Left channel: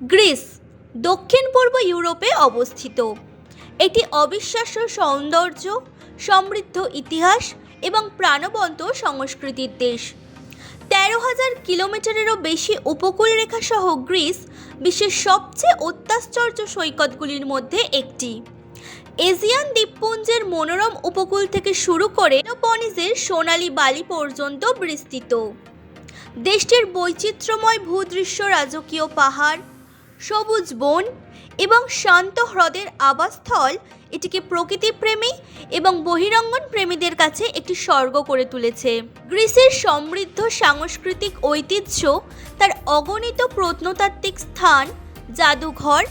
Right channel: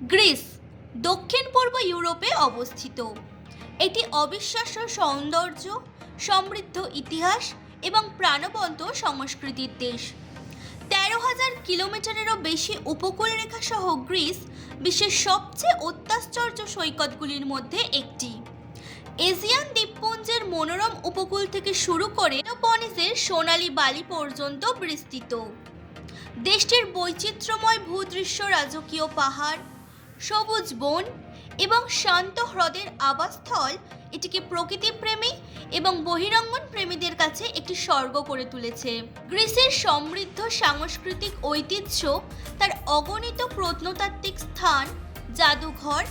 Greece দক্ষিণ পূর্ব ইউরোপে অবস্থিত। এটি অবিশ্বাস্য সৌন্দর্য, সমৃদ্ধ ইতিহাস এবং প্রাণবন্ত সংস্কৃতির দেশ। ১৩,০০০ কিলোমিটারেরও বেশি উপকূল রেখা সহ গ্রিস বিশ্বের সবচেয়ে অত্যাশ্চর্য সৈকতগুলির মধ্যে একটি। এজিয়ান দ্বীপপুঞ্জের মনোরম উপকূল থেকে শুরু করে পেলোপনিসের সোনালী বালি পর্যন্ত বিস্তৃত। দেশটির বৈচিত্র্যময় ভূদৃশ্য, রাজকীয় পাহাড়, সবুজ বন এবং শান্ত হ্রদের আবাসস্থল এটিকে প্রকৃতিপ্রেমী এবং বহিরঙ্গন প্রেমীদের কাছে একটি স্বর্গ করে তুলেছে। গ্রিসের সমৃদ্ধ সাংস্কৃতিক ঐতিহ্য তার অগণিত প্রত্নতাত্ত্বিক স্থান, জাদুঘর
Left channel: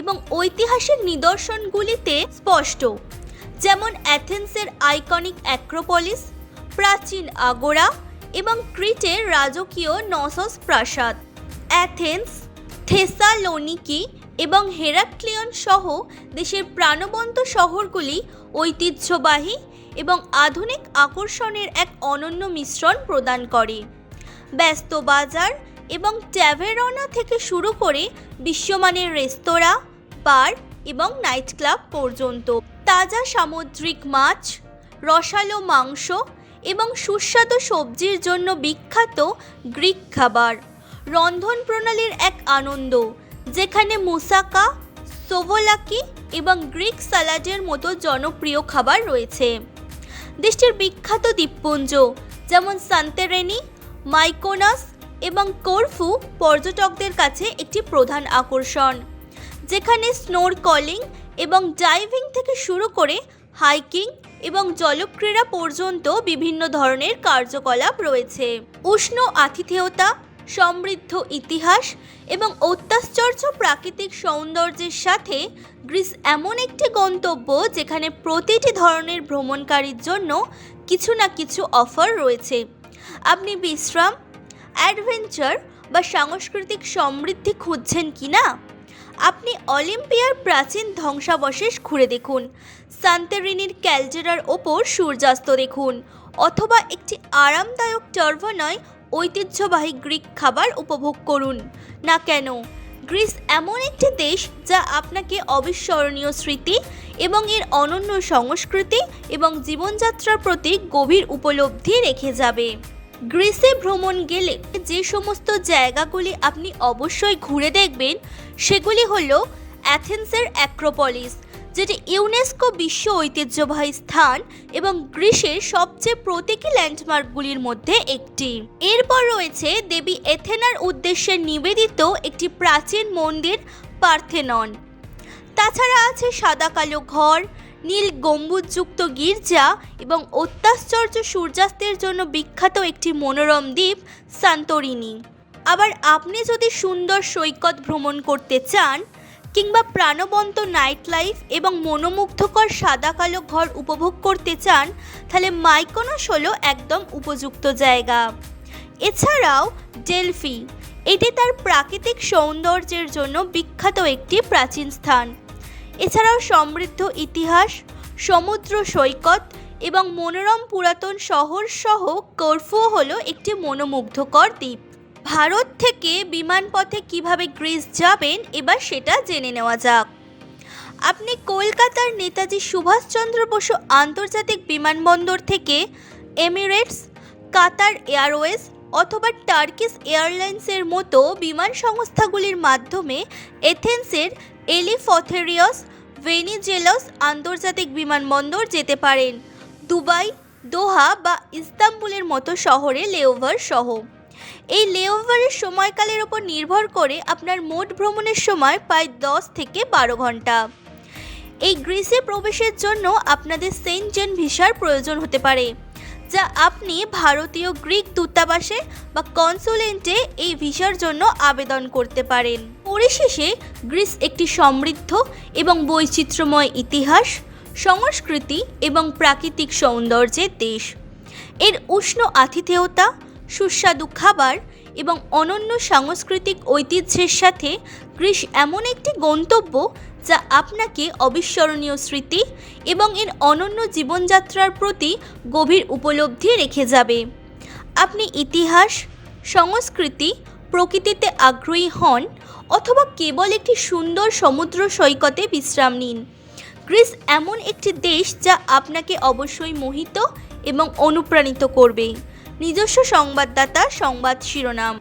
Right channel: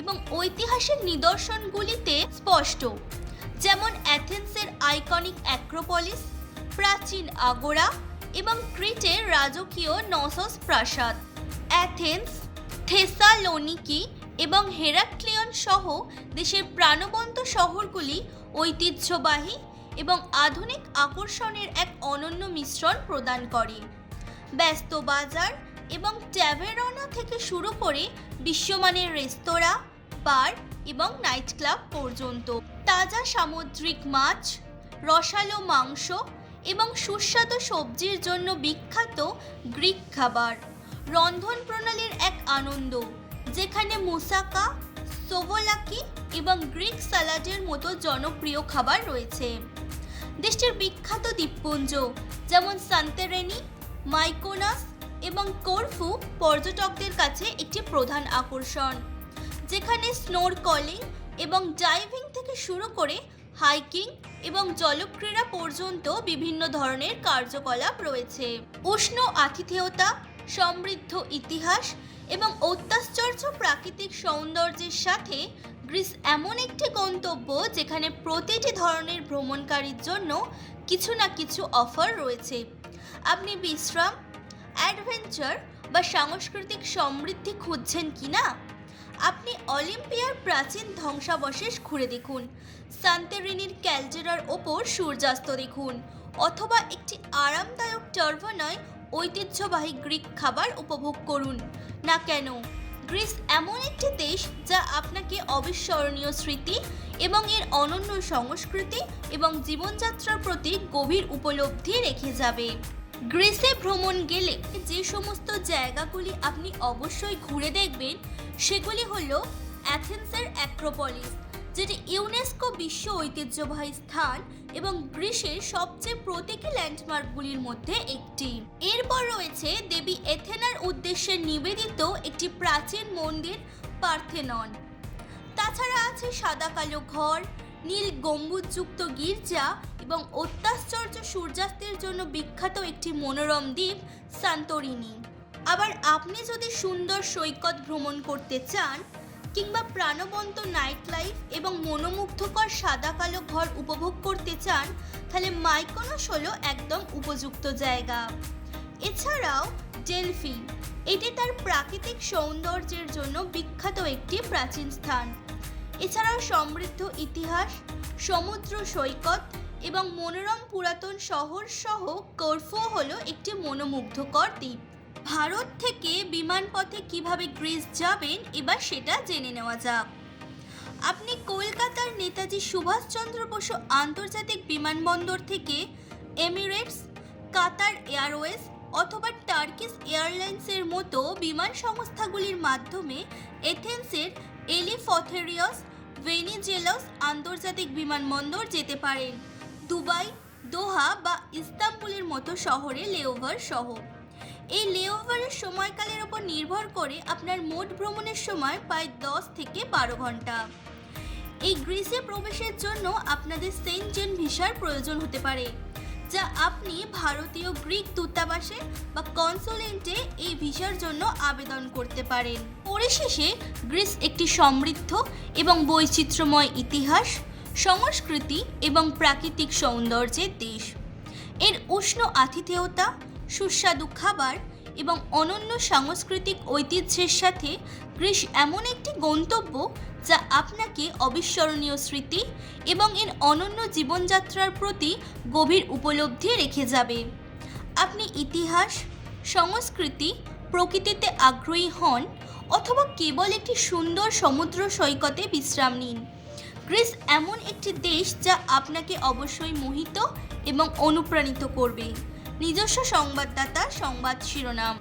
এবং ঐতিহাসিক নিদর্শনগুলিতে স্পষ্ট, যেমন অ্যাথেন্সের আইকনিক অ্যাক্রোপলিস, প্রাচীন আগোরা এবং ক্রিটের রাজকীয় নসস প্রাসাদ। অ্যাথেন্স, থেসালোনিকি এবং হেরাক্লিয়ন সহ দেশের প্রাণবন্ত শহরগুলি ঐতিহ্যবাহী এবং আধুনিক আকর্ষণের এক অনন্য মিশ্রণ প্রদান করে। ব্যস্ত বাজার এবং ট্যাভেরনা থেকে শুরু করে বিশ্বমানের রেস্তোরাঁ, বার এবং নাইট ক্লাব পর্যন্ত তাজা সামুদ্রিক মাছ, রসালো মাংস এবং সুস্বাদু সবজির জন্য বিখ্যাত গ্রিক খাবার রন্ধন প্রণালীর এক আনন্দ, যেখানে মুসাকা, সোভোলাকি এবং গ্রিক সালাডের মতো জনপ্রিয় খাবার রয়েছে। দেশটির বিখ্যাত দ্বীপপুঞ্জ যেমন সান্তেরেনি, মাইকোনাস এবং করফু পর্যটকদের কাছে একটি প্রধান আকর্ষণ, যেখানে স্নোরকলিং এবং ডাইভিং থেকে শুরু করে হাইকিং এবং জলক্রীড়া পর্যন্ত বিভিন্ন ধরনের কার্যকলাপ রয়েছে। উষ্ণ আতিথেয়তা, সমৃদ্ধ ইতিহাস এবং অত্যাশ্চর্য প্রাকৃতিক সৌন্দর্যের সাথে গ্রিস এমন একটি গন্তব্য যেখানে প্রতিটি ধরনের ভ্রমণকারীর জন্য কিছু না কিছু অফার রয়েছে। আপনি বিশ্রাম, অ্যাডভেঞ্চার বা সাংস্কৃতিক সমৃদ্ধি খুঁজছেন কি না? আপনি অলিম্পিয়ার প্রাচীন ধ্বংসাবশেষ ঘুরে দেখুন, সান্তেরিনির ক্যালডেরার ওপর সূর্যাস্ত দেখুন, অথবা একটি আরামদায়ক টার্ভনয় ঐতিহ্যবাহী গ্রিক খাবার উপভোগ করুন না কেন। গ্রিস এমন একটি দেশ যা আপনাকে অবিস্মরণীয় স্মৃতি এবং এর অনন্য সংস্কৃতি এবং জীবনযাত্রার প্রতি গভীর উপলব্ধি রেখে যাবে। গ্রিসে ভ্রমণ গেলে যে সমস্ত জায়গাগুলি আপনি অবশ্যই ঘুরে দেখবেন সেগুলি হলো অ্যাথেন্সের অ্যাক্রোপলিস, যেটি ইউনেস্কো বিশ্ব ঐতিহ্যবাহী স্থান এবং গ্রিসের সবচেয়ে প্রতীকী ল্যান্ডমার্কগুলির মধ্যে একটি। এরপর রয়েছে দেবী এথেনার উদ্দেশ্যে নিবেদিত একটি প্রাচীন মন্দির পার্থেনন। তাছাড়া আছে সাদা কালো ঘর, নীল গম্বুজযুক্ত গির্জা এবং অত্যাশ্চর্য সূর্যাস্তের জন্য বিখ্যাত একটি মনোরম দ্বীপ সান্তোরিনি। আবার আপনি যদি সুন্দর সৈকত ভ্রমণ করতে চান কিংবা প্রাণবন্ত নাইট লাইফ এবং মনোমুগ্ধকর সাদা কালো ঘর উপভোগ করতে চান, তাহলে মাইকোনস হলো একদম উপযুক্ত জায়গা। এছাড়াও ডেলফি, এটি তার প্রাকৃতিক সৌন্দর্যের জন্য বিখ্যাত একটি প্রাচীন স্থান। এছাড়াও সমৃদ্ধ ইতিহাস, সমুদ্র সৈকত এবং মনোরম পুরাতন শহর সহ করফু হলো একটি মনোমুগ্ধকর দ্বীপ। ভারত থেকে বিমানপথে কিভাবে গ্রিস যাবেন এবার সেটা জেনে নেওয়া যাক। আপনি কলকাতার নেতাজি সুভাষচন্দ্র বসু আন্তর্জাতিক বিমানবন্দর থেকে এমিরেটস, কাতার এয়ারওয়েজ অথবা টার্কিশ এয়ারলাইন্সের মতো বিমান সংস্থাগুলির মাধ্যমে এথেন্সের এলিফথেরিয়স ভেনিজেলস আন্তর্জাতিক বিমানবন্দর যেতে পারেন। দুবাই, দোহা বা ইস্তাম্বুলের মতো শহরে লেওভার সহ। এই লেওভারের সময়কালের ওপর নির্ভর করে আপনার মোট ভ্রমণের সময় প্রায় 10 থেকে 12 ঘন্টা। এই গ্রিসে প্রবেশের জন্য আপনাদের সেনজেন ভিসার প্রয়োজন হতে পারে, যা আপনি ভারতীয় গ্রিক দূতাবাসে বা কনসুলেটে এই ভিসার জন্য আবেদন করতে পারেন। পরিশেষে গ্রিস একটি সমৃদ্ধ এবং বৈচিত্র্যময় ইতিহাস, সংস্কৃতি এবং প্রাকৃতিক সৌন্দর্যের দেশ। এর উষ্ণ আতিথেয়তা, সুস্বাদু খাবার এবং অনন্য সাংস্কৃতিক ঐতিহ্যের সাথে গ্রিস এমন একটি গন্তব্য যা আপনাকে অবিস্মরণীয় স্মৃতি এবং এর অনন্য জীবনযাত্রার প্রতি গভীর উপলব্ধি রেখে যাবে। আপনি ইতিহাস, সংস্কৃতি, প্রকৃতিতে আগ্রহী হন অথবা কেবল একটি সুন্দর সমুদ্র সৈকতে বিশ্রাম নিন। গ্রিস এমন একটি দেশ যা আপনাকে অবশ্যই মোহিত এবং অনুপ্রাণিত করবে। নিজস্ব সংবাদদাতা সংবাদ শিরোনাম।